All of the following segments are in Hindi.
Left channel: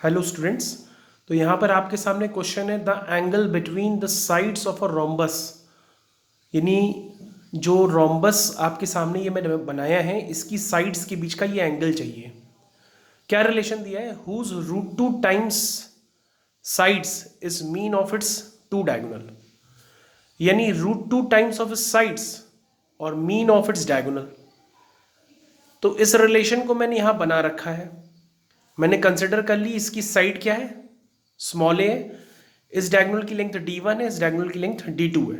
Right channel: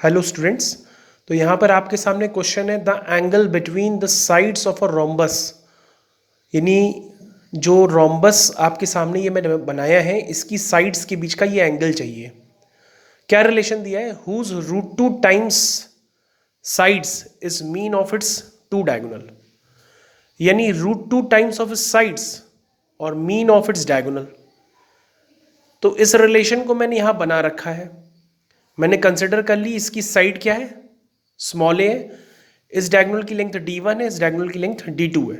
Hello students. तो यहाँ पर आपके सामने क्वेश्चन है the angle between the sides of a rhombus, यानी जो रोम्बस आपके सामने ये मैंने बनाया है इसकी साइड्स के बीच का ये एंगल चाहिए। क्या रिलेशन दिया है? Whose root two times sides is mean of its two diagonal, यानी root two times of its sides और मीन ऑफ इट्स डायगोनल। तो इस रिलेशन को मैंने यहाँ बना रखा है। मैंने कंसिडर कर ली इसकी साइड क्या है, स्मॉल ए है, इस डायगोनल की लेंथ d1 है, इस डायगोनल की लेंथ d2 है।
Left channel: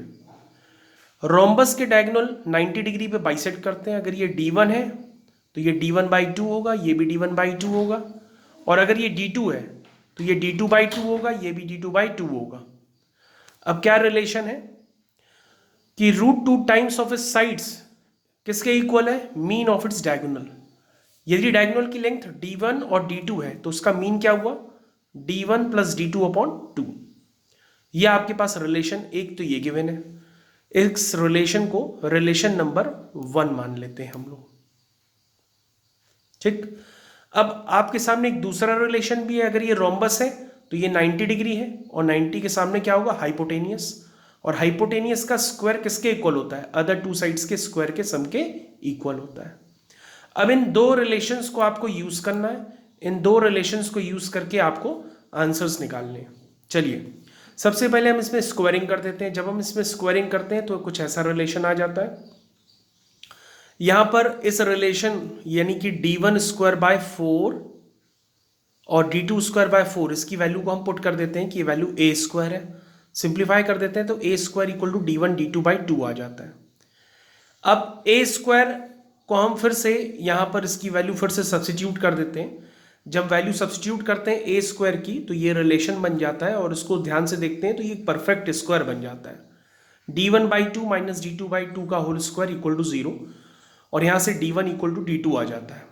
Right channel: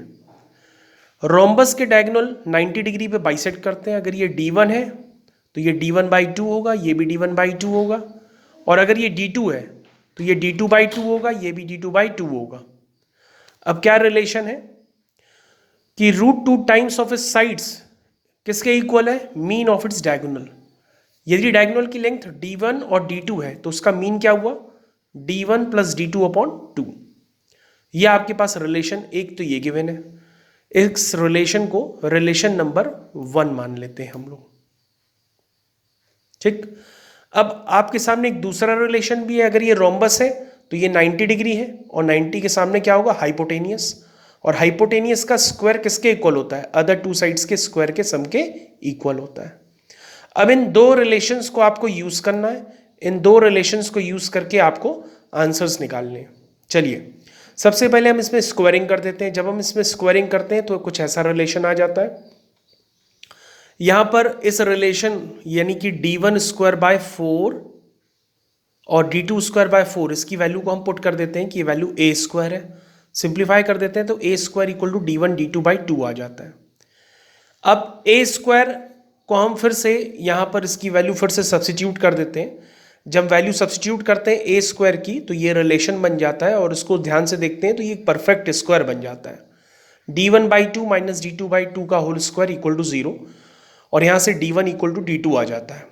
रोम्बस के डायगोनल 90 डिग्री पे बाइसेक्ट करते हैं। अगर ये d1 है तो ये d1/2 होगा, ये भी d1/2 होगा, और अगर ये d2 है तो ये d2/2 होगा, ये भी d2/2 होगा। अब क्या रिलेशन है कि root two times of its sides किसके इक्वल है? Mean of its diagonal. यदि डायगोनल की लेंथ d1 और d2 है तो उसका मीन क्या हुआ? d1 + d2/2। ये आपके पास रिलेशन एक तो ये गिवन है। इस रिलेशन को रिलेशन नंबर 1 मान लेते हैं हम लोग। ठीक। अब आपके सामने एक दूसरा रिलेशन भी है। अगर ये रोम्बस है तो ये 90 डिग्री है, और 90 के सामने क्या होगा? हाइपोटेनियस। और हाइपोटेनियस का स्क्वायर किसके इक्वल होता है? अदर टू साइड्स के स्क्वायर के सम के इक्वल होता है। अब इन दो रिलेशंस को आपको यूज करना है। इन दो रिलेशंस को यूज करके आपको आंसर्स निकालने हैं। चलिए, सबसे पहले हम इसमें स्क्वायरिंग कर देते हैं। जब हम इसमें स्क्वायरिंग करते हैं तो कुछ ऐसा रिलेशन आ जाता है। यहां पर इस रिलेशन यानी कि d1² और d2²/4 इसकी वैल्यू को हम पुट कर देते हैं कि वैल्यू a² है। सिंप्लीफाई कर देते हैं तो a² = d1 d2/2 आ जाता है। अब a² को हम फिर से यहाँ पर इसकी वैल्यू फिर से सब्सिट्यूट कर देते हैं। जब वैल्यू सब्सिट्यूट करते हैं a² की तो ये रिलेशन बन जाता है, और इसको ध्यान से देखते हैं तो ये परफेक्ट स्क्वायर बन जाता है। d1/2 - d2/2 का होल स्क्वायर = 0, और यहाँ से d1 = d2 आ जाता है।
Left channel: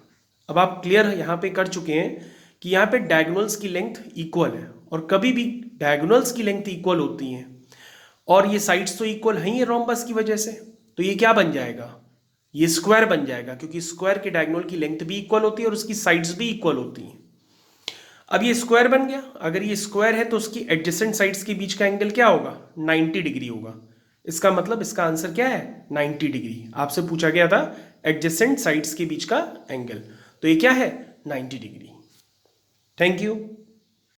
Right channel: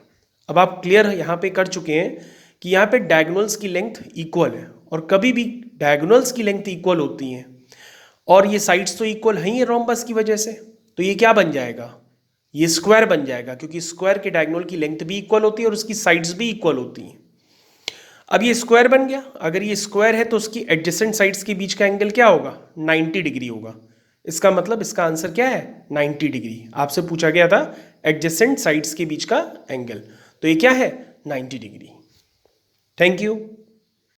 अब आप क्लियर यहाँ पे कर चुके हैं कि यहाँ पे डायगोनल्स की लेंथ इक्वल है, और कभी भी डायगोनल्स की लेंथ इक्वल होती हैं और ये साइड्स तो इक्वल हैं ही रोम्बस की वजह से, तो ये क्या बन जाएगा? ये स्क्वायर बन जाएगा, क्योंकि स्क्वायर के डायगोनल की लेंथ भी इक्वल होती है और उसकी साइड्स भी इक्वल होती हैं। अब ये स्क्वायर बन गया। अगर ये स्क्वायर है तो उसकी एडजेसेंट साइड्स के बीच का एंगल क्या होगा? 90 डिग्री होगा। इसका मतलब इसका आंसर क्या है? 90 डिग्री। आपसे पूछा गया था एडजेसेंट साइड्स के बीच का एंगल, तो ये क्या है? 90 डिग्री। Thank you.